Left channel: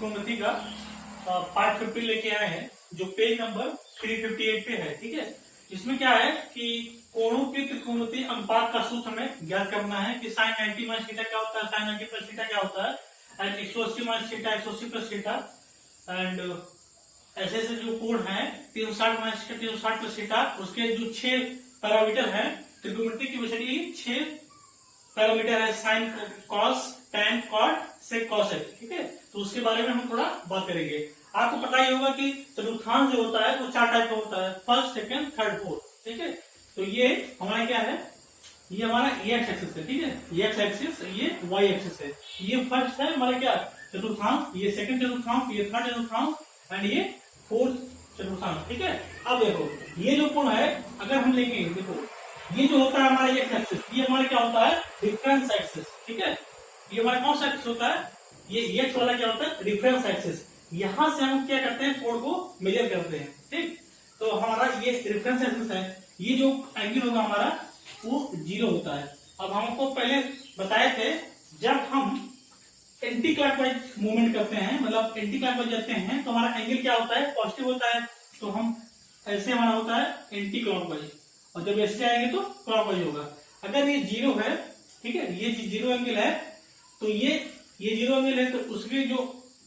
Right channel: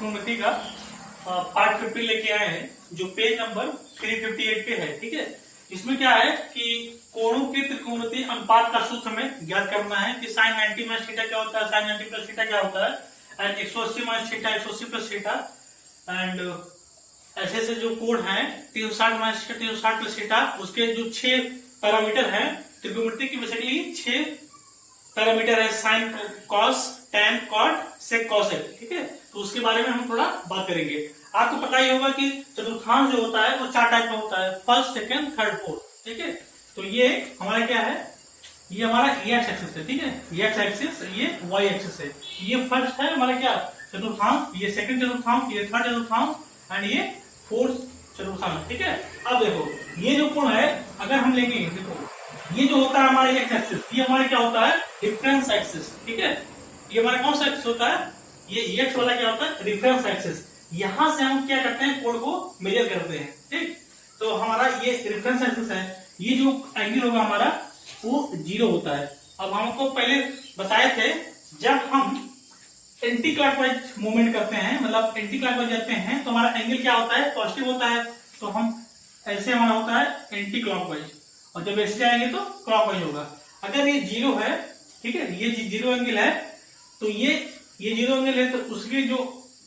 त्रिकोणमिति का पार्ट 50 लेके आए हैं जो पेज नंबर 358 पे है। ठीक है, इसमें क्या है कि कोणों के त्रिकोणमिति अनुपात का सूत्र हमें ज्ञात करना है कि sin 90 माइनस थीटा क्या होता है, sin 90 प्लस थीटा क्या होता है, and 180 minus theta 180 plus theta, and ऐसे ऐसे जो कोण है 360 माइनस 360 प्लस थीटा, उसके जो 6 पैरामीटर है त्रिकोणमिति की बेसिकली 6 पैरामीटर है, sign, cos, tan, cot, sec, cosec. ठीक है, तो उसके बारे में हम थोड़ा बात करेंगे। आपको पता ही होगा कि चतुर्थांश जो होता है वो 4 टाइप का होता है, फर्स्ट, सेकंड, थर्ड, फोर्थ। ठीक है, तो ये हमारा क्या है, ये हमारा एक्स एक्सिस है। ठीक है, ये एक्स एक्सिस, ये वाई एक्सिस है। ये फर्स्ट है हमारा क्या चतुर्थांश, ये सेकंड चतुर्थांश, ये थर्ड चतुर्थांश, एंड ये फोर्थ चतुर्थांश। ठीक है, अब देखो ये जो कोण है अगर हम लेंगे, देखो ये जो होता है हमारा एक्स एक्सिस, ये हमारा क्या होता है रिफरेंस एक्सिस। ठीक है, ये हमारा कौन सा एक्सिस होता है, ये एक्स वाला क्या होता है रिफरेंस एक्सिस। यहां से हम क्या करते हैं, कोण को मेजर करते हैं। ठीक, तो हमारा ये रिफरेंस एक्सिस है, ये जो एंगल होगा हमारा वो 0 होता है। अब हमको पहले बताए थे जब हम एंटी क्लॉकवाइज मूवमेंट करते हैं, मतलब एंटी क्लॉकवाइज जाते हैं तो हमारा एंगल क्या होता है पॉजिटिव होता है, तो हम ऐसे हमारा होता है एंटी क्लॉकवाइज, और जब ऐसे जाएंगे तो क्लॉकवाइज होगा। अगर ये 0 है, ठीक है, ये 0 एंगल है, तो ये 0 एंगल है, तो उसके जो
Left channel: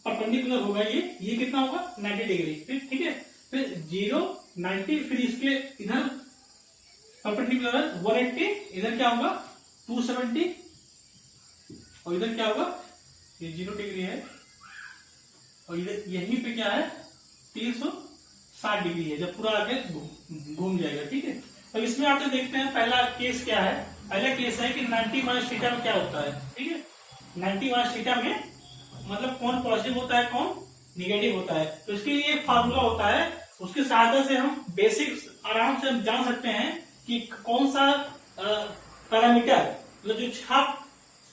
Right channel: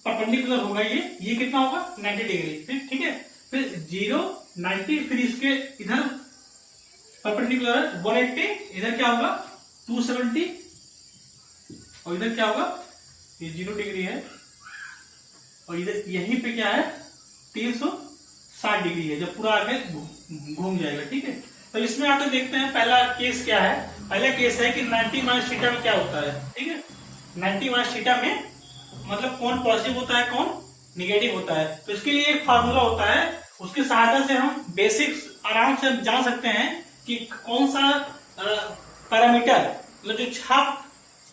परपेंडिकुलर होगा ये कितना होगा 90 डिग्री। ठीक है, फिर 0 90, फिर इसके इधर परपेंडिकुलर 180, इधर क्या होगा 270, और इधर क्या होगा ये 0 डिग्री है, और इधर यहीं पे क्या है 360 डिग्री है, जब पूरा आगे घूम जाएगा। ठीक है, तो इसमें आते देखते हैं पहला केस क्या है। पहला केस है कि 90 माइनस थीटा में क्या होता है। ठीक है, 90 माइनस थीटा में मतलब कौन पॉजिटिव होता है कौन निगेटिव होता है। तो इसके लिए एक फार्मूला होता है, उसकी सहायता से हम बेसिक्स आराम से जान सकते हैं कि कौन सा पैरामीटर, मतलब जो 6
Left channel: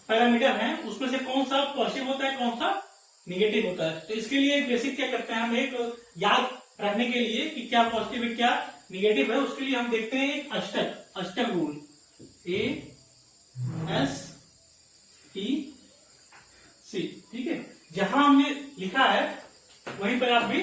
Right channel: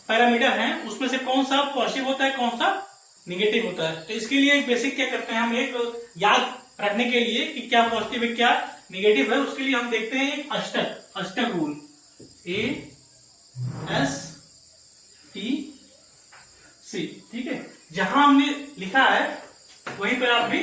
पैरामीटर हैं उसमें से कौन सा पॉजिटिव होता है कौन सा निगेटिव होता है। तो इसके लिए बेसिक क्या करते हैं हम, एक याद रखने के लिए कि क्या पॉजिटिव है क्या निगेटिव है, उसके लिए हम देखते हैं एक अष्टक रूल, ASTC। ठीक है, जहां हमने लिखा है वहीं पर आप भी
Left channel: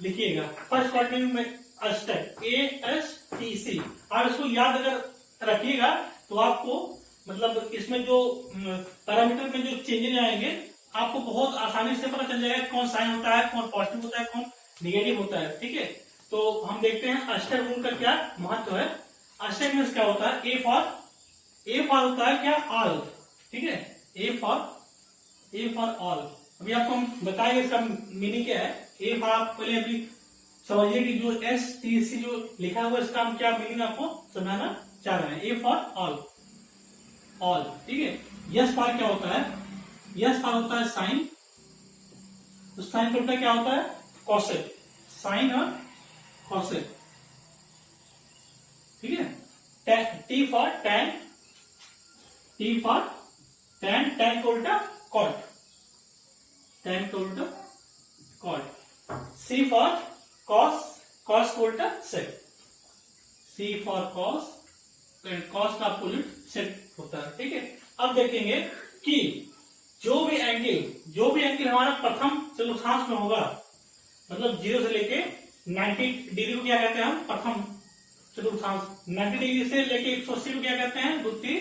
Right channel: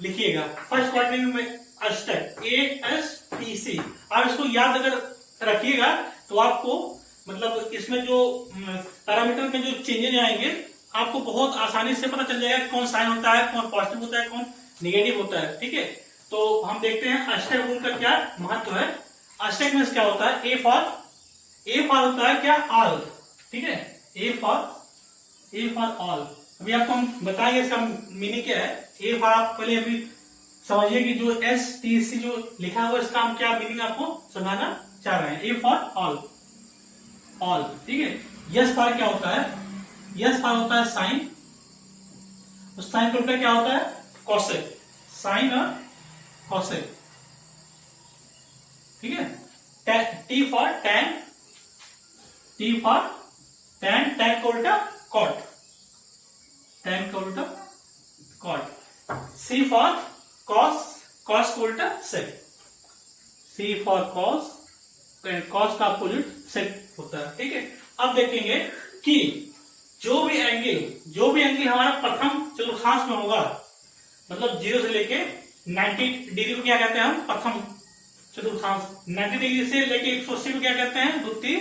लिखिएगा, फर्स्ट क्वाड्रेंट में अष्टक ASTC। आप इसको याद अगर रखिएगा तो आपको मतलब इसमें जो पैरामीटर में जो चेंजेस आएंगे आपको बहुत आसानी से पता चल जाएगा कौन साइन होता है, कौन पॉजिटिव होता है, कौन निगेटिव होता है। ठीक है, तो हम देखते हैं अष्टक रूल का क्या महत्व है। अष्टक में क्या होता है, ए फॉर होता है क्या ऑल। ठीक है, ए फॉर ऑल। अभी आपको हम बताएंगे इसका मीनिंग क्या है। ए फॉर आप पहले अभी समझिए कि जो STC जो लिखा हुआ है इसका हम क्या मीनिंग आपको समझाना चाह रहे हैं। A for all. ठीक है, यस फॉर क्या होता है, यस फॉर होता है साइन, उस साइन का उल्टा क्या होता है कॉसेक, साइन और कॉसेक। ठीक है, T फॉर टैन, टैन का उल्टा कॉट, टैन का उल्टा cot. C for cos, cos का उल्टा sec, C for cos, cos का अपोजिट सेक होता है। ठीक है, अब देखेंगे कि जो भी एंगल हमारा प्रथम चतुर्थांश में होगा, मतलब 0 से लेके 90 डिग्री को क्या कहते हैं हम प्रथम चतुर्थांश, 90 डिग्री से लेके 180 को क्या कहते हैं द्वितीय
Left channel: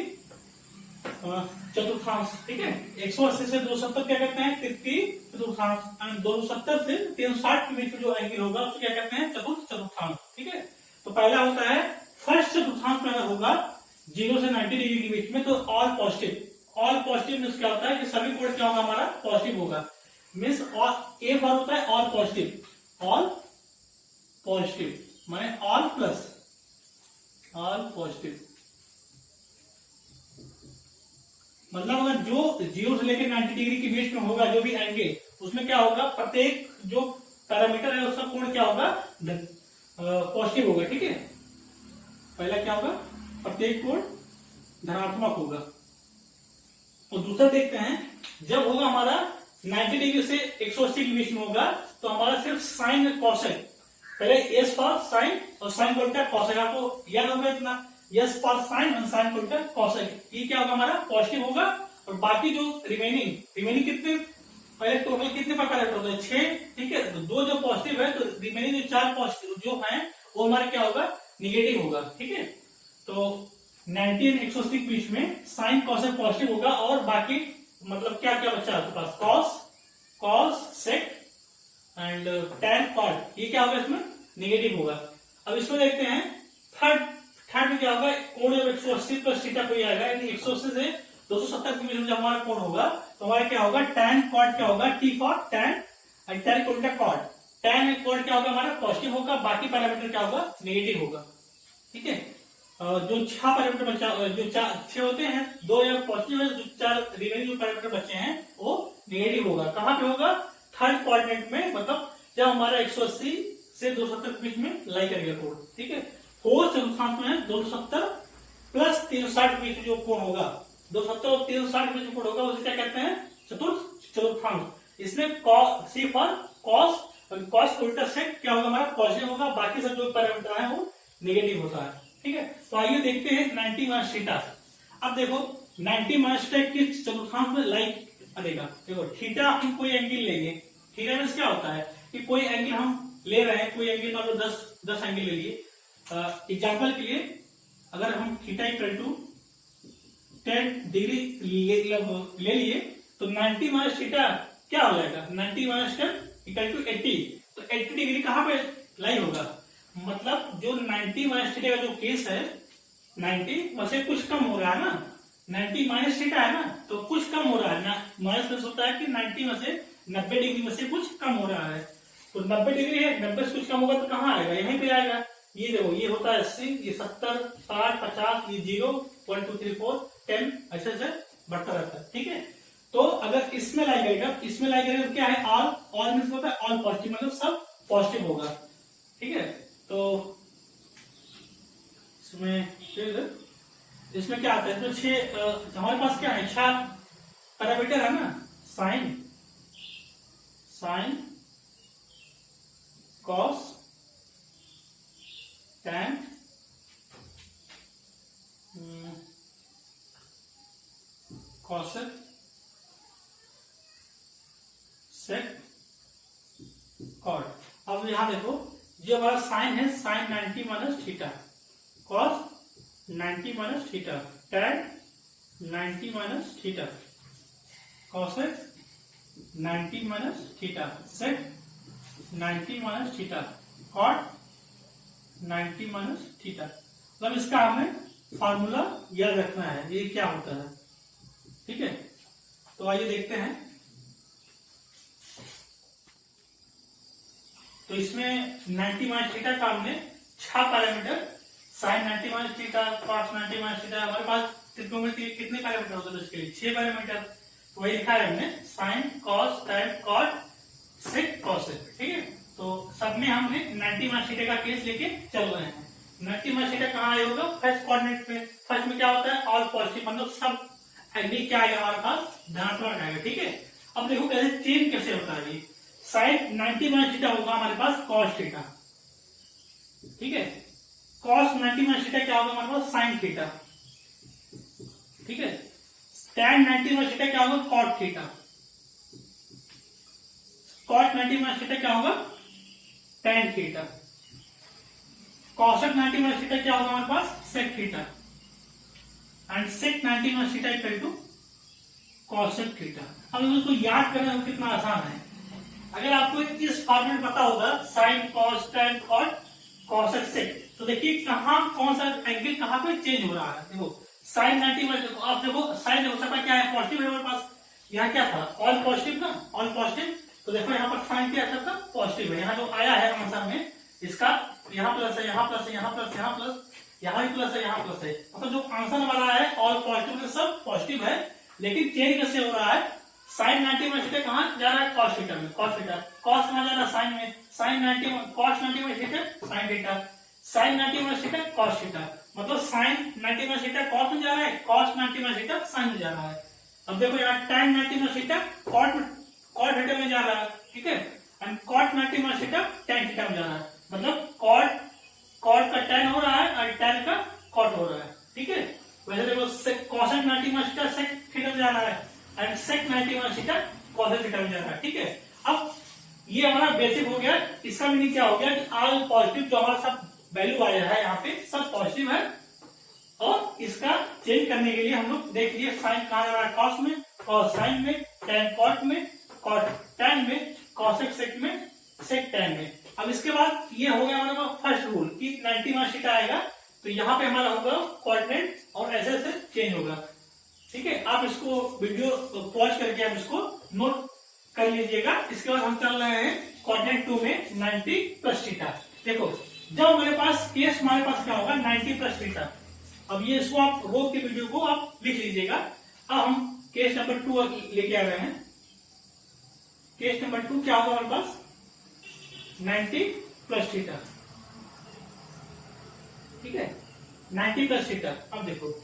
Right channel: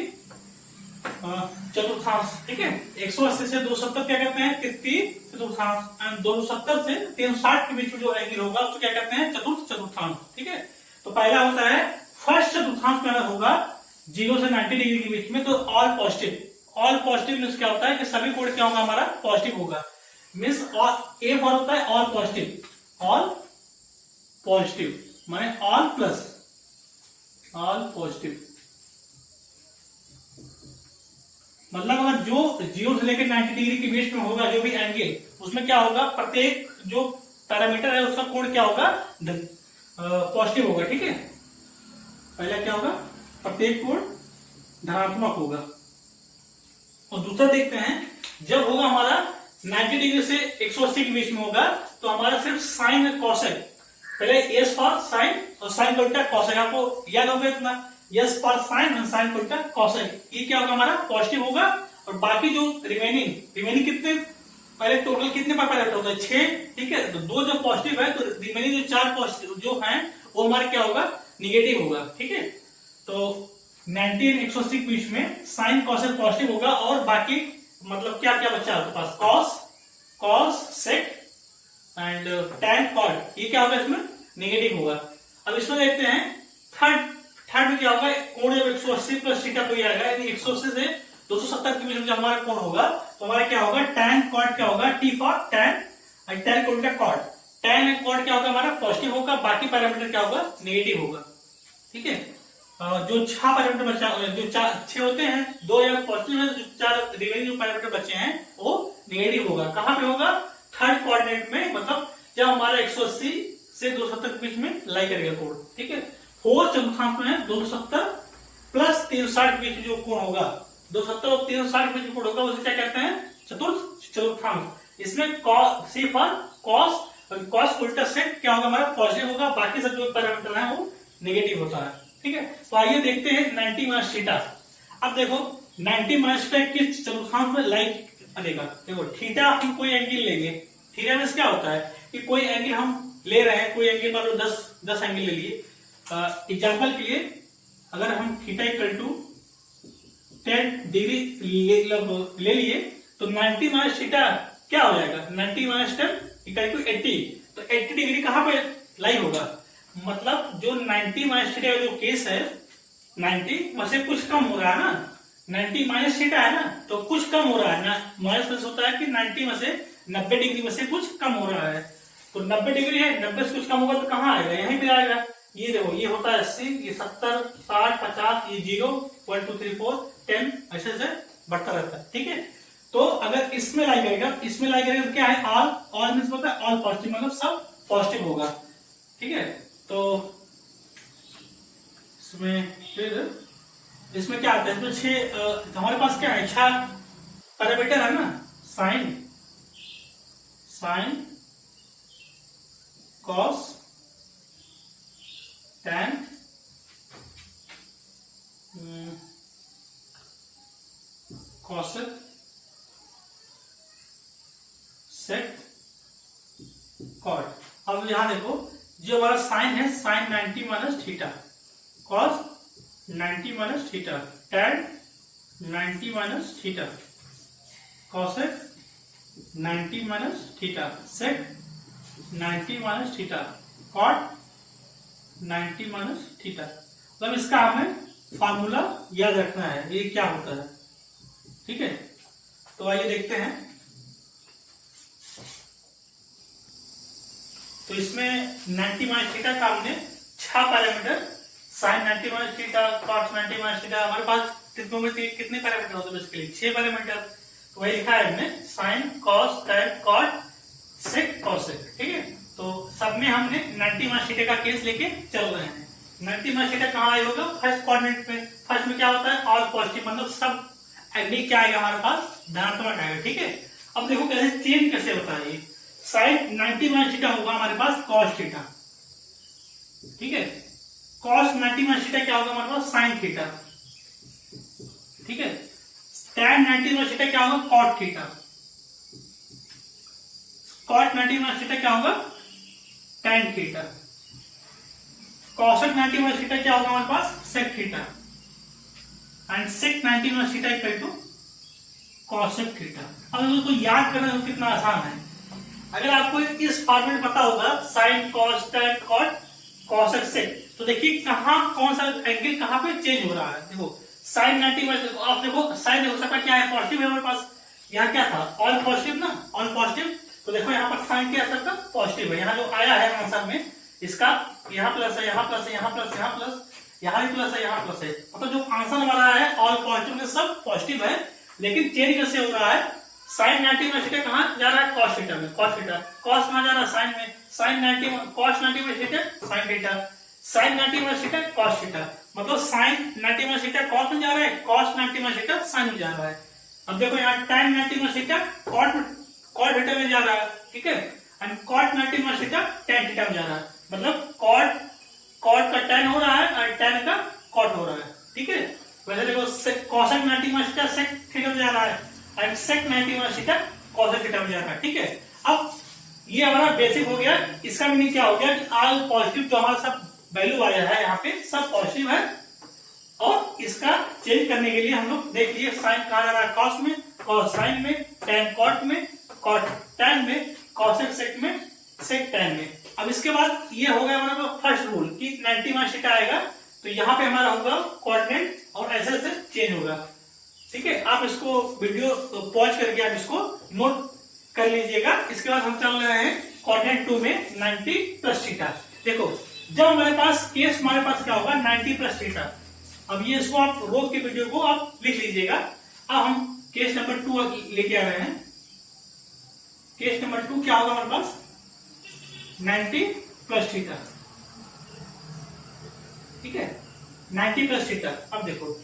चतुर्थांश। ठीक है, 180 से 270 क्या कहते हैं तृतीय चतुर्थांश, एंड 270 से 360 के बीच में जो एंगल होगा उसको क्या कहते हैं चतुर्थांश। ठीक है, तो पहला होता है फर्स्ट चतुर्थांश में अगर होगा 0 से 90 डिग्री के बीच में तो all positive. All positive means क्या होता है कि सभी कोण क्या होगा हमारा पॉजिटिव होगा, मीन्स ए फॉर होता है ऑल पॉजिटिव माने ऑल प्लस ऑल पॉजिटिव। मतलब अगर जो 0 से लेकर 90 डिग्री के बीच में होगा जो भी एंगल, उसमें क्या होगा प्रत्येक जो पैरामीटर है उसका कोण क्या होगा पॉजिटिव होगा। ठीक है, पहला क्या होगा प्रत्येक कोण धनात्मक होगा। और दूसरा देखते हैं जब होगा हमारा 90 डिग्री से 180 के बीच में होगा तो हमारा सिर्फ साइन कॉसेक, पहले एस फॉर साइन और साइन का उल्टा कॉसेक, आपको याद होगा इतना, यस फॉर साइन और साइन का उल्टा कॉसेक, ये क्या होगा हमारा पॉजिटिव होगा। और बाकी जो रिमेनिंग कितने पहले टोटल कितने पर पायलट होता है 6, ठीक है। तो 2 जब पॉजिटिव है तो रिमेनिंग जो 4 पॉजिटिव जो है वो हमारे क्या होगा, निगेटिव होगा, ठीक है। तो 90 और 180 के बीच में साइन कॉसेक पॉजिटिव होगा और बाकी मतलब क्या क्या बच्चा आपके पास cos sec and tan cot, ये क्या होगा इसमें नेगेटिव होगा। अब इसमें देखते हैं थर्ड में क्या होगा, कोण जब 180 प्लस थीटा कोई आएगा, यानी 180 से 270 के बीच में जब हमारा कोण होगा तो हमारा क्या होगा tan कॉट क्या होगा, t फॉर tan और tan कोण का कॉट, tan एंड कॉट क्या होगा हमारा पॉजिटिव होगा, बाकी पैरामीटर क्या होगा नेगेटिव होगा, ठीक है। जो 6 पैरामीटर बचा, जो 6 होते हैं, 2 या पॉजिटिव है, जो 4 रिमेनिंग जो पैरामीटर बचे हैं वो नेगेटिव होगा। कहां पे होगा, थर्ड कोऑर्डिनेट में, मतलब जब हमारा 180 से 270 के बीच में लाई करेगा कोण, ठीक है। फोर्थ चतुर्थांश में 270 प्लस 360 के बीच जो कोण होगा, 270 और 360 के बीच कोण होगा, उसे क्या कहते हैं, चतुर्थांश। इसमें सी फॉर कॉस, और कॉस उल्टा सेक क्या होगा हमारा पॉजिटिव होगा, बाकी सब जो पैरामीटर है वो नेगेटिव होता है, ठीक है। तो आइए देखते हैं 90 माइनस थीटा। अब देखो 90 माइनस थीटा किस चतुर्थांश में लाई करेगा, देखो थीटा हम कोई एंगल लेंगे, थीटा में क्या होता है कि कोई एंगल हम ले रहे हैं, कोई एंगल मान लो 10 एंगल ले लिए। एग्जाम्पल के लिए अगर हम थीटा इक्वल टू 10 डिग्री ले लिए तो 90 माइनस थीटा क्या हो जाएगा, 90 माइनस 10 इक्वल टू 80। तो 80 डिग्री कहां पे लाई होगा, मतलब जो 90 माइनस थीटा का जो केस है 90 में से कुछ कम हो रहा है ना, 90 माइनस थीटा है ना, तो कुछ कम हो रहा है ना, माइनस प्लस होता है कि 90 में से 90 डिग्री में से कुछ कम हो रहा है। तो 90 डिग्री है, 90 से कुछ कम होगा तो कहां आएगा, यहीं पे आएगा। ये देखो ये होता है 80, ये 70, 60, 50, ये 0, 1 2 3 4 10 ऐसे से बढ़ता रहता है, ठीक है। तो अगर इसमें लाई करेगा, इसमें लाई करेगा तो क्या है, ऑल मींस होता है ऑल पॉजिटिव, मतलब सब पॉजिटिव होगा, ठीक है। तो इसमें क्या आता है, इसमें 6 हमारे पास क्या है, 6 पैरामीटर है ना, sine cos tan cosec sec cot. अब यहां देखो जो हमारा साइन है, sine 90 minus theta, cos 90 minus theta, tan 90 minus theta, cosec 90 minus theta, sec 90 minus theta, cot 90 minus theta. मतलब इसका हमें फार्मूला याद रखना है, ये क्या होता है, ठीक है। तो आइए देखते हैं। तो इसमें 90 माइनस थीटा का हमने 6 parameter, sine 90 minus theta, cos 90 minus theta, हमारे पास कितने पैरामीटर होते हैं बेसिकली 6 पैरामीटर। तो वही लिखा है हमने, sine cos tan cot sec cosec, ठीक है। तो सब में हमने 90 माइनस थीटा का केस लेके चल रहे हैं। 90 माइनस थीटा कहाँ आया होगा, फर्स्ट कोऑर्डिनेट में। फर्स्ट में क्या होता है, ऑल पॉजिटिव, मतलब सब एंगल क्या आएगा हमारे पास, धनात्मक आएगा, ठीक है। अब देखो कैसे चेंज कैसे होता है, ये साइन 90 माइनस थीटा होगा हमारे पास कॉस थीटा, ठीक है। कॉस 90 माइनस थीटा क्या होगा हमारे पास, साइन थीटा, ठीक है। tan 90 माइनस थीटा क्या होगा, cot theta, cot 90 minus theta क्या होगा, tan theta, cosec 90 minus theta क्या होगा हमारे पास, sec theta, and sec 90 minus theta equal to cosec theta. अब इसको याद करना कितना आसान है, अगर आपको इस फॉर्मेट पता होगा, sine cos tan cot cosec sec, तो देखिए कहां कौन सा एंगल कहां पे चेंज हो रहा है। देखो साइन 90 माइनस, आप देखो साइन देखो सबका क्या है, पॉजिटिव है हमारे पास, यहाँ क्या था ऑल पॉजिटिव ना, ऑल पॉजिटिव। तो देखो यहाँ पर साइन क्या सबका पॉजिटिव है, यहाँ जो आया है आंसर में इसका यहाँ प्लस है, यहाँ प्लस है, यहाँ प्लस, यहाँ प्लस, यहाँ भी प्लस है, यहाँ प्लस है, मतलब जो आंसर हमारा है ऑल पॉजिटिव में सब पॉजिटिव है। लेकिन चेंज कैसे हो रहा है, साइन 90 में थीटा कहाँ जा रहा है, कॉस थीटा में, कॉस थीटा, कॉस कहाँ जा रहा है, साइन में, साइन 90 में, कॉस 90 में थीटा, साइन थीटा, साइन 90 में थीटा, कॉस थीटा, मतलब साइन 90 में थीटा कॉस में जा रहा है, कॉस 90 में थीटा साइन में जा रहा है। अब देखो यहाँ tan 90 में थीटा कॉट थीटा में जा रहा है, ठीक है, एंड कॉट 90 में थीटा tan थीटा में जा रहा है, मतलब कॉट का tan हो रहा है और tan का कॉट हो रहा है, ठीक है। वैसे देखो कोसेक 90 में थीटा सेक थीटा में जा रहा है, एंड सेक 90 में थीटा कोसेक प्लस थीटा बन जाता है। ठीक है, अब ये हमारा बेसिक हो गया। इसका मीनिंग क्या हो गया कि ऑल पॉजिटिव जो हमारा सब वैल्यू आया है यहाँ पे सब पॉजिटिव है, और इसका चेंज करने के लिए हम लोग देख लिए साइन कहा जा रहा है कॉस में, कॉस साइन में, टैन कॉट में, कॉट टैन में, कॉसेक सेक में, सेक टैन में। अब इसके बाद ये हो गया हमारा फर्स्ट रूल कि 90 माइनस थीटा आएगा तो यहाँ पे हमारा होगा कोऑर्डिनेट और ऐसे ऐसे चेंज होगा। ठीक है, आप इसको वीडियो पॉज करके आप इसको नोट कर लीजिएगा। इसके बाद हम चल रहे हैं कोऑर्डिनेट 2 में 90 प्लस थीटा। देखो जब हमारे पास केस हमारे पास क्या होगा 90 प्लस थीटा। अब ये इसको आप रोक के वीडियो को आप लिख लीजिएगा। अब हम केस नंबर 2 लेके आ रहे हैं। केस नंबर 2 क्या होगा हमारे पास 90 प्लस थीटा। ठीक है, 90 प्लस थीटा। अब देखो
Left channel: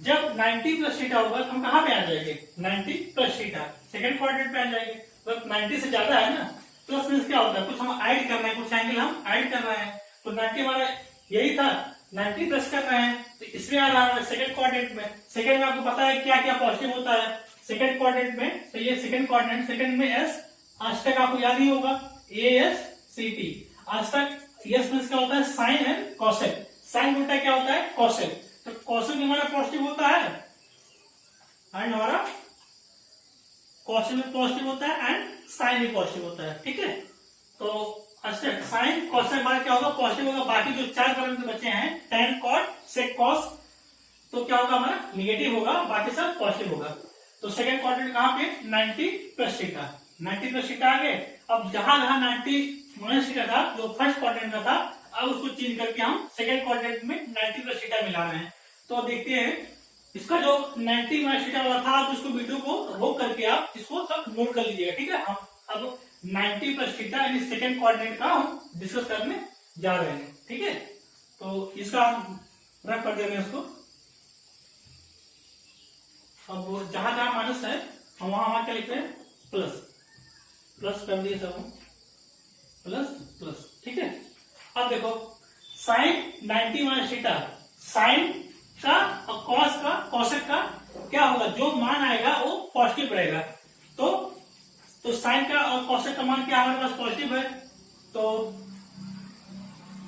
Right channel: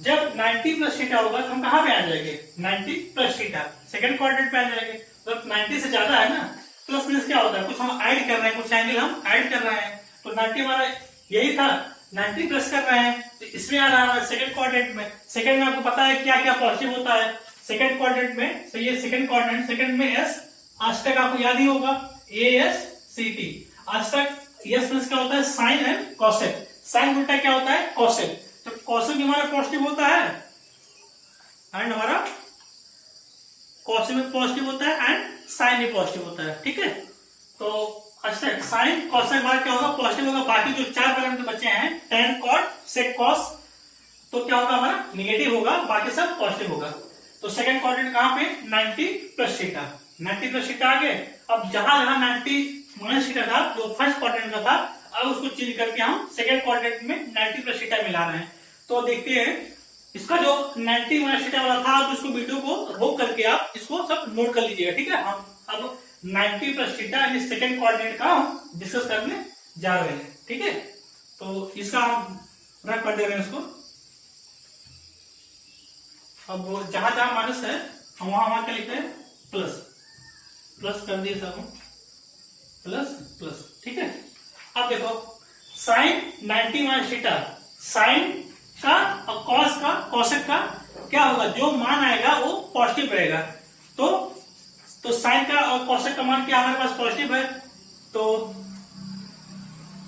जब 90 प्लस थीटा होगा तो हम कहां पे आ जाएंगे 90 प्लस थीटा सेकंड क्वाड्रेंट पे आ जाएंगे। तो 90 से ज्यादा है ना, प्लस मीन्स क्या होता है कुछ हम ऐड कर रहे हैं, कुछ एंगल हम ऐड कर रहे हैं। तो 90 हमारा यही था, 90 प्लस कर रहे हैं तो इसमें आ रहा है सेकंड क्वाड्रेंट में। सेकंड में आपको पता है क्या क्या पॉजिटिव होता है सेकंड क्वाड्रेंट में। तो ये सेकंड क्वाड्रेंट, सेकंड में एस, आज तक आपको याद ही होगा ASCT। आज तक यस मीन्स क्या होता है साइन एंड कॉसेक। साइन उल्टा क्या होता है कॉसेक। तो कॉसेक हमारा पॉजिटिव होता है एंड हमारा कॉसेक में पॉजिटिव होता है एंड साइन भी पॉजिटिव होता है। ठीक है, तो अच्छा साइन कॉसेक हमारा क्या होगा पॉजिटिव होगा। बाकी जो 4 पैरामीटर बचे हैं टैन कॉट सेक कॉस तो क्या होगा हमारा निगेटिव होगा, बाकी सब पॉजिटिव होगा। तो सेकंड क्वाड्रेंट कहां पे 90 प्लस थीटा। 90 प्लस थीटा आ गए। अब जहां जहां 90 माइनस थीटा था जो फर्स्ट क्वाड्रेंट का था, अब उसको चेंज करके हम सेकंड क्वाड्रेंट में 90 प्लस थीटा मिला रहे हैं। तो देखते हैं इसका जो 90 माइनस थीटा वाला था, आप उसको वीडियो को रोक करके आप इसको सब नोट कर लीजिएगा। ठीक है, हम अब 90 प्लस थीटा यानी सेकंड क्वाड्रेंट का हम डिस्कस करने जा रहे हैं। ठीक है, तो इसका हम रख कर दे रहे हैं इसको। अब जहां जहां माइनस है हम वहां क्या लिखते हैं प्लस, प्लस कर दिए सब हम प्लस प्लस। ठीक है, अब देखो साइन 90 माइनस थीटा, साइन का और कॉस का कॉसेक का क्या होगा जो मान आएगा वो पॉजिटिव रहेगा। तो साइन का और कॉसेक का मान क्या हमारे पास पॉजिटिव है। तो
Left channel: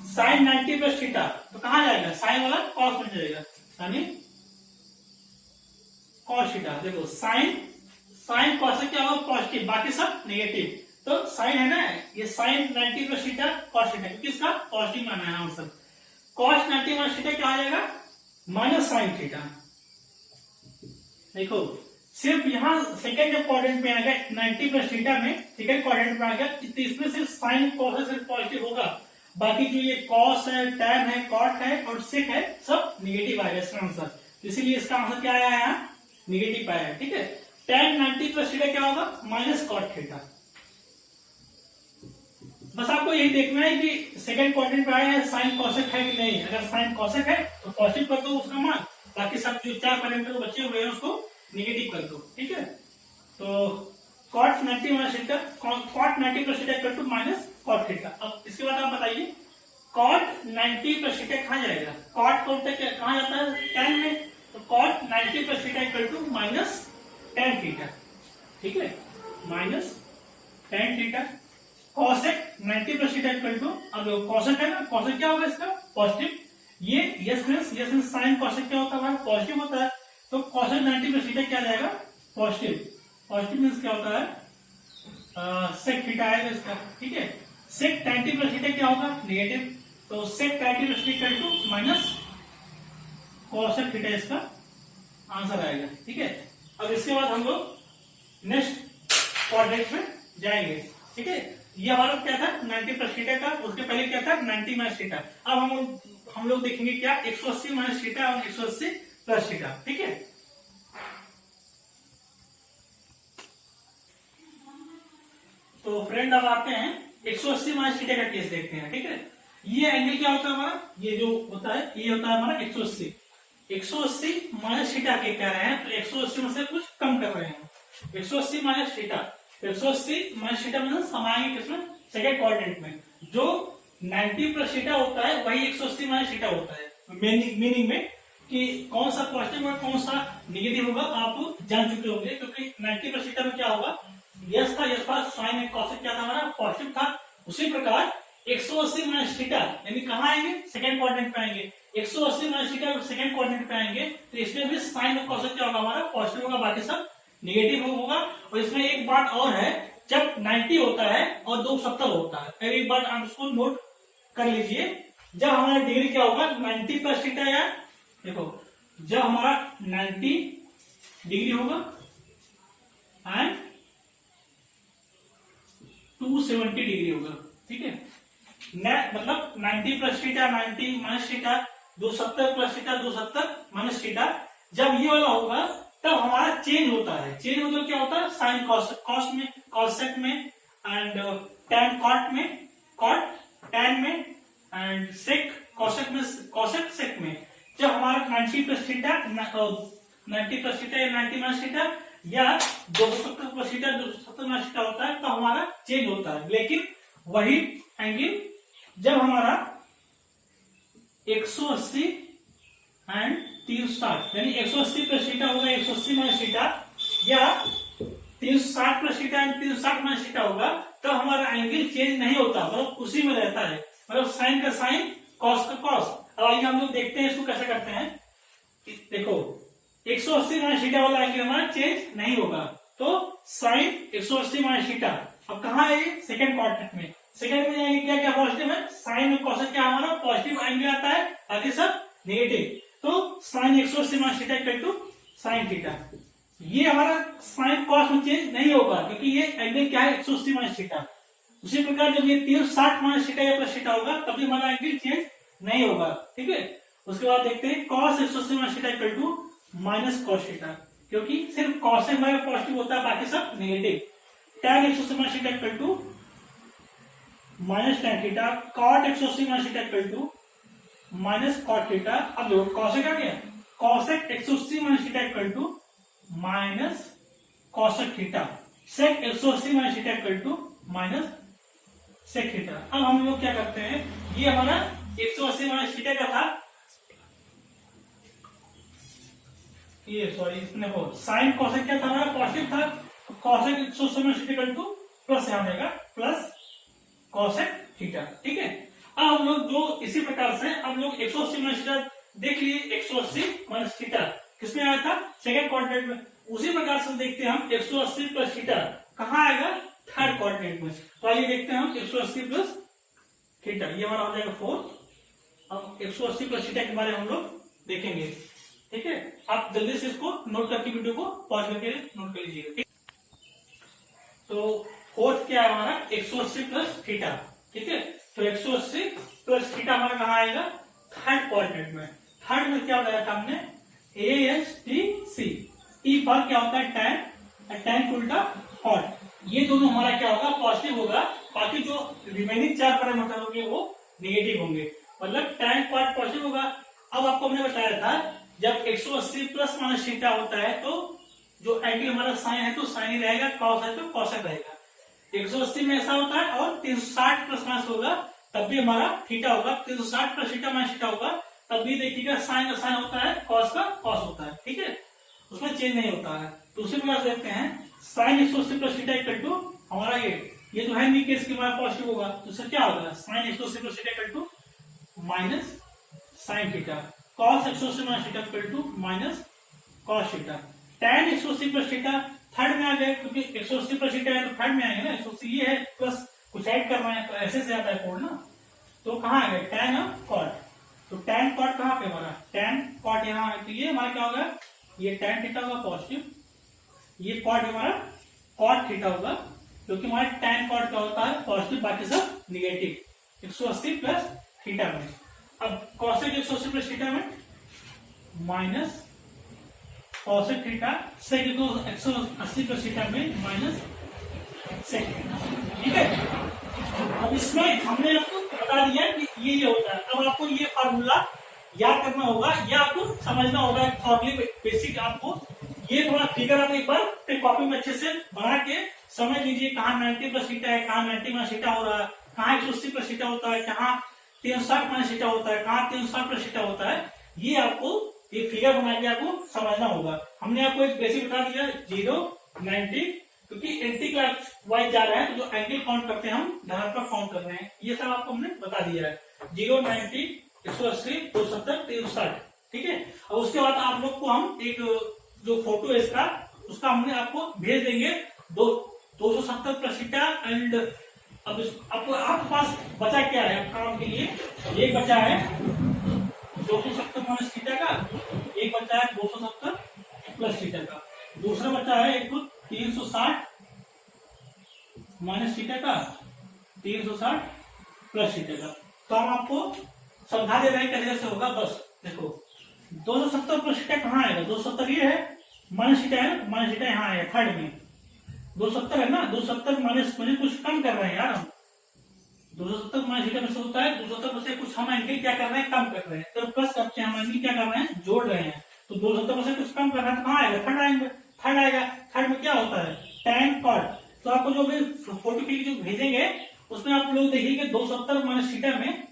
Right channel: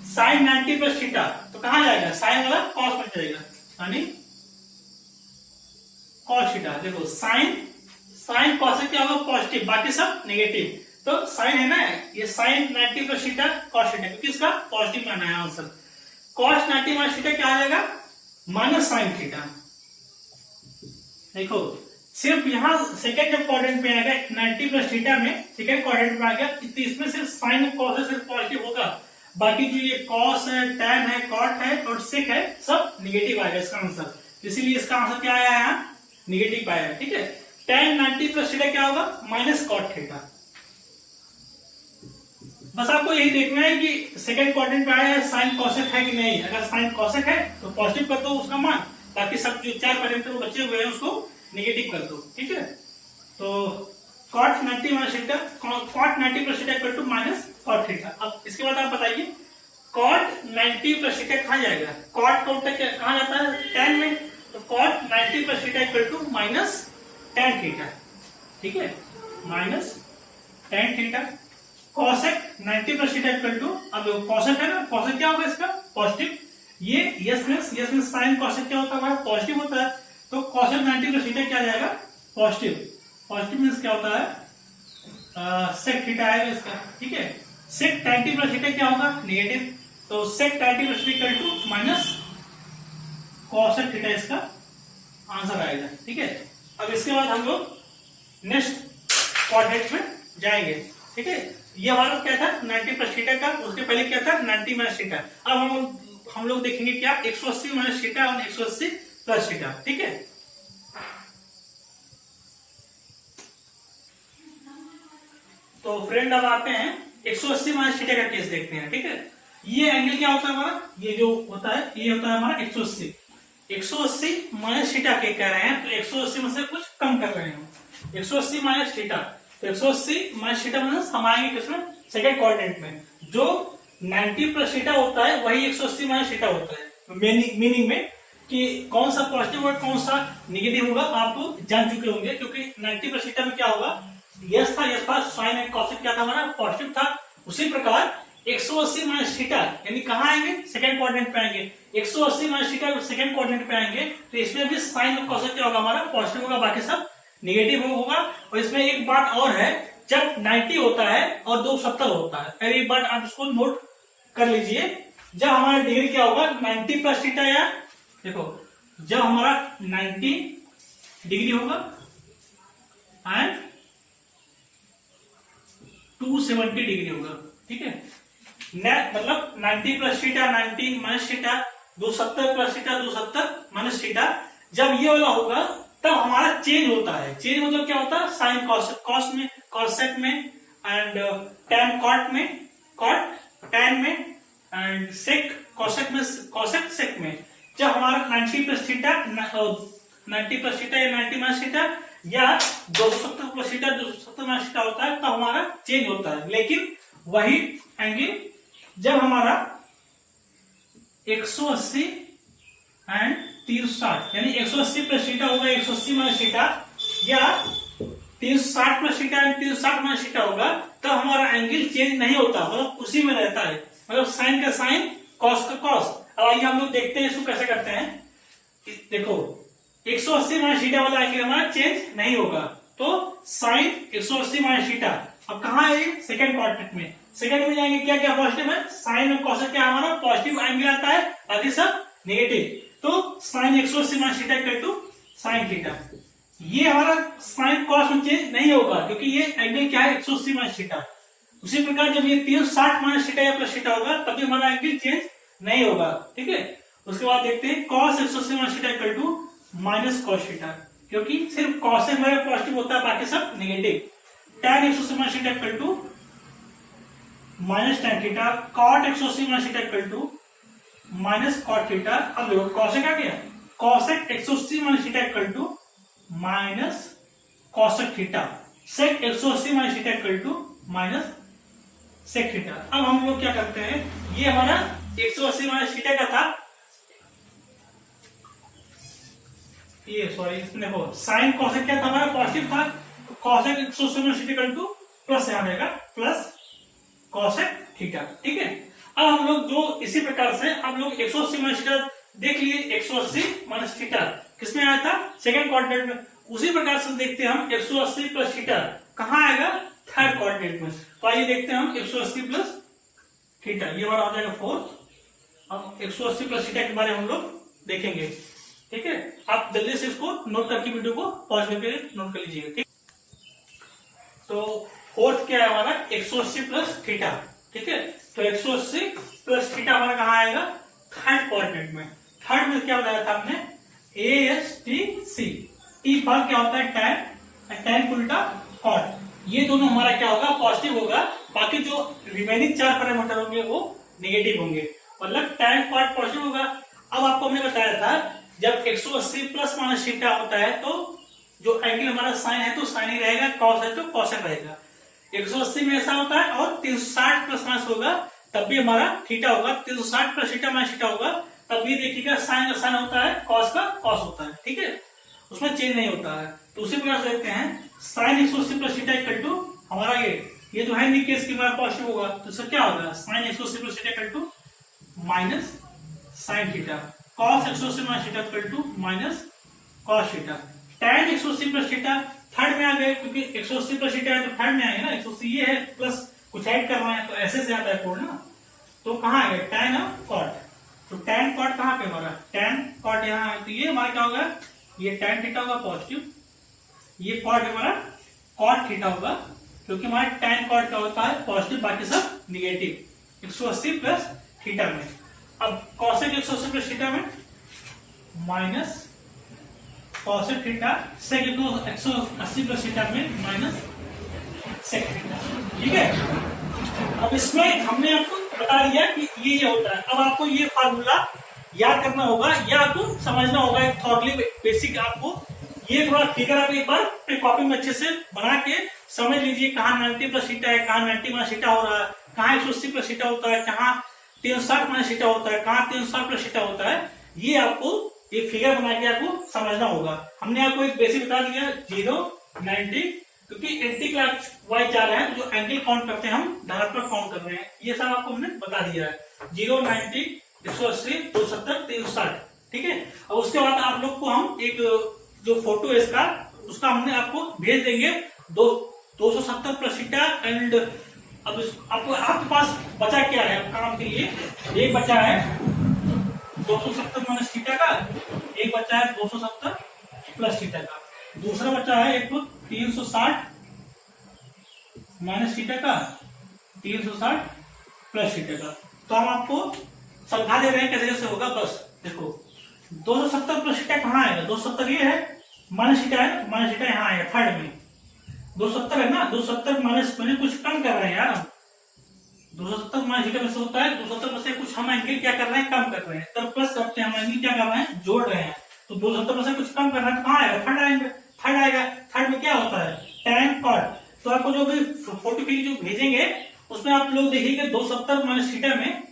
साइन 90 प्लस थीटा तो कहां जाएगा साइन वाला कॉस बन जाएगा यानी कॉस थीटा। देखो साइन कॉसेक क्या होगा पॉजिटिव, बाकी सब नेगेटिव। तो साइन है ना ये sine 90 plus theta cos theta क्योंकि इसका पॉजिटिव मान है आंसर। कॉस 90 माइनस थीटा क्या आ जाएगा माइनस साइन थीटा। देखो सिर्फ यहाँ सेकंड जब क्वाड्रेंट में आएगा 90 प्लस थीटा में सेकंड क्वाड्रेंट में आ गया तो इसमें सिर्फ साइन कॉस है सिर्फ पॉजिटिव होगा, बाकी जो ये कॉस है टैन है कॉट है और सेक है सब निगेटिव आएगा इसका आंसर। इसीलिए इसका आंसर क्या आया है निगेटिव आया है। ठीक है, टैन 90 प्लस थीटा क्या होगा माइनस कॉट थीटा। बस आपको यही देखना है कि सेकंड क्वाड्रेंट में आया है साइन कॉसेक है कि नहीं। अगर साइन कॉसेक है तो पॉजिटिव कर दो उसका मान, बाकी सब जो 4 पैरामीटर बचे हुए हैं उसको नेगेटिव कर दो। ठीक है, तो cot 90 minus theta cot 90 plus theta equal to minus cot theta. अब इसके बाद आप बताइए cot 90 प्लस थीटा कहां जाएगा, cot को कहां जाता है tan में, तो cot 90 plus theta equal to minus tan theta. ठीक है, minus tan theta. cosec 90 plus theta equal to, अब cosec है ना, cosec क्या होगा इसका पॉजिटिव। ये यस मींस साइन cosec क्या होता है पॉजिटिव होता है। तो cosec 90 प्लस थीटा क्या जाएगा पॉजिटिव। पॉजिटिव मींस क्या होता है sec थीटा आएगा इसका। ठीक है, sec 90 प्लस थीटा क्या होगा नेगेटिव। तो sec 90 plus theta equal to minus cosec theta इसका आंसर आएगा। ठीक है, अब इसके बाद हम लोग नेक्स्ट क्वाड्रेंट में जाएंगे। ठीक है, ये हमारा क्या था 90 प्लस थीटा का, उसके पहले क्या था 90 माइनस थीटा। अब हम लोग देखेंगे क्या 180 माइनस थीटा और 180 प्लस थीटा। ठीक है, तो फ्रेंड अब आते हैं 180 माइनस थीटा का केस देखते हैं। ठीक है, ये एंगल क्या होता है हमारा, ये जो होता है ये होता है हमारा 180। 180 माइनस थीटा के कह रहे हैं तो 180 में से कुछ कम कर रहे हैं। 180 माइनस थीटा, तो 180 माइनस थीटा मतलब हम आएंगे किसमें सेकंड क्वाड्रेंट में। जो 90 प्लस थीटा होता है वही 180 माइनस थीटा होता है। मीनिंग में कि कौन सा पॉजिटिव और कौन सा निगेटिव होगा आप जान चुके होंगे, क्योंकि 90 प्लस थीटा में क्या होगा यस था, साइन एंड कॉसेक क्या था हमारा, पॉजिटिव था। उसी प्रकार 180 माइनस थीटा यानी कहाँ आएंगे, सेकंड क्वाड्रेंट पे आएंगे। 180 माइनस थीटा सेकंड क्वाड्रेंट पे आएंगे तो इसमें भी साइन और कॉसेक क्या होगा हमारा, पॉजिटिव होगा, बाकी सब नेगेटिव होगा। और इसमें एक बात और है, जब 90 होता है और 270 होता है, अरे एक बात आप इसको नोट कर लीजिए, जब हमारा डिग्री क्या होगा 90 प्लस थीटा, या देखो जब हमारा 90 डिग्री होगा एंड 270 डिग्री होगा, ठीक है। मतलब 90 plus theta 90 minus theta, 270 plus theta 270 minus theta, जब ये वाला होगा तब हमारा चेंज होता है। चेंज मतलब क्या होता है, साइन कॉस में, कॉसेक में, एंड टैन कॉट में, कॉट टैन में, एंड सेक कॉसेक में, कॉसेक सेक में। जब हमारा 90 प्लस थीटा 90 प्लस थीटा या 90 माइनस थीटा या 270 प्लस थीटा 270 माइनस थीटा होता है तो हमारा चेंज होता है। लेकिन वही एंगल जब हमारा 180 एंड 360 यानी 180 प्लस थीटा होगा 180 माइनस थीटा, या 360 plus theta and 360 minus theta होगा, तब हमारा एंगल चेंज नहीं होता, मतलब उसी में रहता है। मतलब साइन का साइन, कॉस का कॉस। अब आइए हम लोग देखते हैं इसको कैसे करते हैं। देखो 180 माइनस थीटा वाला एंगल हमारा चेंज नहीं होगा, तो साइन 180 माइनस थीटा अब कहाँ है, सेकंड क्वाड्रेंट में। सेकंड में जाएंगे, क्या क्या पॉजिटिव है, साइन और कॉस क्या हमारा पॉजिटिव एंगल आता है, बाकी सब नेगेटिव। तो sine 180 minus theta equal to sine theta, ये हमारा साइन कॉस में चेंज नहीं होगा क्योंकि ये एंगल क्या है 180 माइनस थीटा। उसी प्रकार जब ये 360 माइनस थीटा या प्लस थीटा होगा तभी हमारा एंगल चेंज नहीं होगा, ठीक है। उसके बाद देखते हैं cos 180 minus theta equal to minus cos theta, क्योंकि सिर्फ कॉस से हमारे पॉजिटिव होता है, बाकी सब negative. tan 180 minus theta equal to minus tan theta, cot 180 minus theta equal to minus cot theta. अब देखो कॉसेक आ गया, cosec 180 minus theta equal to minus cosec theta, sec 180 minus theta equal to minus sec theta. अब हम लोग क्या करते हैं, ये हमारा 180 माइनस थीटा का था, ये सॉरी इसमें हो साइन कॉसेक क्या था हमारा पॉजिटिव था, तो cosec 180 minus theta equal two plus यहां आएगा प्लस कॉसेक थीटा, ठीक है। अब हम लोग जो इसी प्रकार से हम लोग 180 माइनस थीटा देख लिए, 180 माइनस थीटा किसमें आया था, सेकंड क्वाड्रेंट में। उसी प्रकार से देखते हैं हम 180 प्लस थीटा कहाँ आएगा, थर्ड क्वाड्रेंट में। तो आइए देखते हैं हम 180 प्लस थीटा, ये हमारा हो जाएगा 4। अब 180 प्लस थीटा के बारे में हम लोग देखेंगे, ठीक है। आप जल्दी से इसको नोट करके वीडियो को पॉज करके नोट कर लीजिएगा, ठीक। तो फोर्थ क्या है हमारा 180 प्लस थीटा, ठीक है। तो 180 प्लस थीटा हमारा कहाँ आएगा, थर्ड क्वाड्रेंट में। थर्ड में क्या बनाया था हमने, ASTC, ई फॉर क्या होता है टैन, टैन उल्टा कॉट। ये दोनों हमारा क्या होगा पॉजिटिव होगा, बाकी जो रिमेनिंग 4 पैरामीटर होंगे वो नेगेटिव होंगे, मतलब टैन कॉट पॉजिटिव होगा। अब आपको हमने बताया था जब 180 प्लस माइनस थीटा होता है तो जो एंगल हमारा साइन है तो साइन ही रहेगा, कॉस है तो कॉस रहेगा। 180 में ऐसा होता है, और 360 प्लस माइनस होगा तब भी हमारा थीटा होगा, 360 प्लस थीटा माइनस थीटा होगा तब भी देखिएगा साइन का साइन होता है, कॉस का कॉस होता है, ठीक है, उसमें चेंज नहीं होता है। तो उसी प्रकार से देखते हैं sine 180 plus theta equal to हमारा ये जो है नहीं केस की हमारा पॉजिटिव होगा, तो इसका क्या होगा, sine 180 plus theta equal to minus sine theta, cos 180 minus theta equal to minus cos theta. tan 180 plus theta third में आ गए, क्योंकि 180 प्लस थीटा है तो थर्ड में आएंगे ना, 180 ये है प्लस कुछ ऐड कर रहे हैं तो ऐसे से आता है कोड ना, तो कहाँ आ गया tan कॉट। तो tan कॉट कहाँ पे हमारा, tan कॉट यहाँ है, तो ये हमारा क्या होगा, ये tan थीटा होगा पॉजिटिव, ये कॉट हमारा कॉट थीटा होगा, क्योंकि हमारा tan कॉट क्या होता है पॉजिटिव, बाकी सब निगेटिव 180 प्लस थीटा में। अब कॉसेक 180 प्लस थीटा में minus cosec theta, sec 180 plus theta में माइनस सेक थीटा, ठीक है। अब इसमें हमने आपको बता दिया कि ये होता है। अब आपको ये फार्मूला याद करना होगा या आपको समझना होगा, एक थॉरली बेसिक आपको ये थोड़ा फिगर आप एक बार अपनी कॉपी में अच्छे से बना के समझ लीजिए, कहाँ 90 प्लस थीटा है, कहाँ 90 माइनस थीटा हो रहा है, कहाँ 180 प्लस थीटा होता है, कहाँ 360 माइनस थीटा होता है, कहाँ 360 प्लस थीटा होता है। ये आपको एक फिगर बना के आपको समझना होगा। हमने आपको एक बेसिक बता दिया 0, 90 क्योंकि एंटी क्लॉक वाइज जा रहा है, जो एंगल काउंट करते हैं हम धनात्मक काउंट कर रहे हैं। ये सब आपको हमने बता दिया है, 0, 90, 180, 270, 360, ठीक है। अब उसके बाद आप लोग को हम एक जो फोटो है इसका, उसका हमने आपको भेज देंगे 270 प्लस थीटा एंड अब आपको आपके पास बचा क्या है काम के लिए, एक बचा है 270 माइनस थीटा का, एक बचा है 270 प्लस थीटा का, दूसरा बचा है एक 360 माइनस थीटा का, 360 प्लस थीटा का। तो हम आपको समझा दे रहे हैं कैसे कैसे होगा। बस देखो 270 प्लस थीटा कहाँ आएगा, 270 ये है, माइनस थीटा है, माइनस थीटा यहाँ आएगा थर्ड में, 270 है ना, 270 माइनस मैंने कुछ कम कर रहे हैं यार हम, 270 माइनस थीटा में से होता है 270 में से कुछ हम एंगल क्या कर रहे हैं, कम कर रहे हैं, तो प्लस करते हैं हम एंगल क्या कर रहे हैं, जोड़ रहे हैं। तो 270 में से कुछ कम कर रहे हैं तो कहाँ आएगा, थर्ड आएगा, थर्ड आएगा। थर्ड में क्या होता है, tan cot। तो आपको जो भी फोटो क्लिक जो भेजेंगे उसमें आप लोग देखिएगा 270 माइनस थीटा में,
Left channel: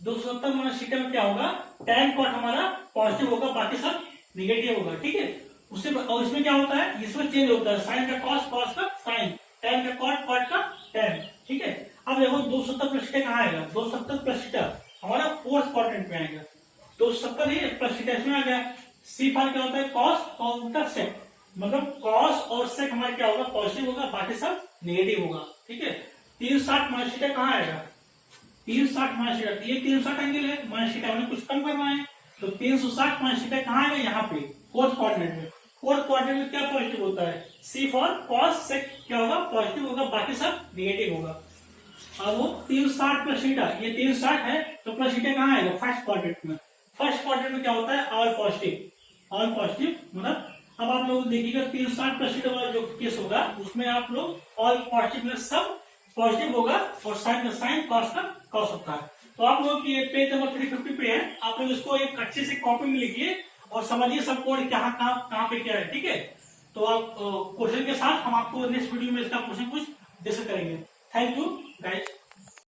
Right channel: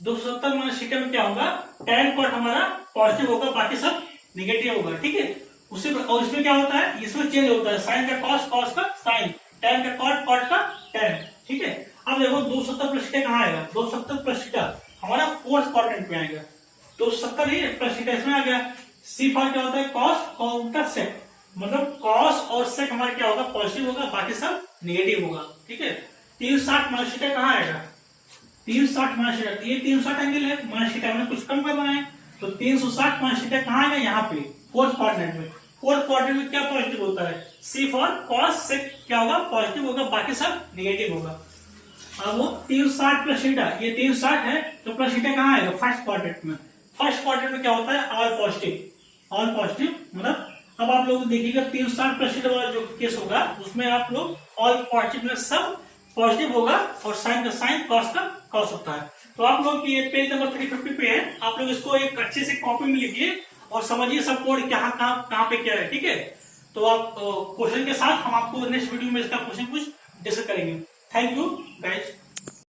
270 माइनस थीटा में क्या होगा, tan cot हमारा पॉजिटिव होगा, बाकी सब निगेटिव होगा, ठीक है। उससे और इसमें क्या होता है, इसमें चेंज होता है, साइन का कॉस, कॉस का साइन, tan का कॉट, कॉट का tan, ठीक है। अब देखो 270 प्लस थीटा कहाँ आएगा, 270 प्लस थीटा हमारा फोर्थ क्वाड्रेंट में आएगा, 270 ही प्लस थीटा इसमें आ गया। सी फॉर क्या होता है, कॉस काउंटर सेक, मतलब कॉस और सेक हमारा क्या होगा, पॉजिटिव होगा, बाकी सब नेगेटिव होगा, ठीक है। 360 माइनस थीटा कहाँ आएगा, 360 माइनस थीटा, ये 360 एंगल है, माइनस थीटा हमने कुछ कम करना है, तो 360 माइनस थीटा कहाँ आएगा, यहाँ पे फोर्थ क्वाड्रेंट में। फोर्थ क्वाड्रेंट में क्या पॉजिटिव होता है, सी फॉर कॉस सेक क्या होगा, पॉजिटिव होगा, बाकी सब नेगेटिव होगा। अब वो 360 प्लस थीटा, ये 360 है तो प्लस थीटा कहाँ आएगा, फर्स्ट क्वाड्रेंट में। फर्स्ट क्वाड्रेंट में क्या होता है, ऑल पॉजिटिव, ऑल पॉजिटिव, मतलब अब आप लोग देखिएगा 360 प्लस थीटा वाला जो केस होगा उसमें आप लोग ऑल पॉजिटिव में सब पॉजिटिव होगा और साइन का साइन, कॉस का कॉस होता है। तो आप लोग ये पेज नंबर 350 पे है, आप लोग इसको एक अच्छे से कॉपी में लिखिए और समझिए सब कोड कहाँ पे क्या है, ठीक है। तो आप क्वेश्चन के साथ हम आपको नेक्स्ट वीडियो में इसका क्वेश्चन कुछ डिस्कस करेंगे। Thank you guys.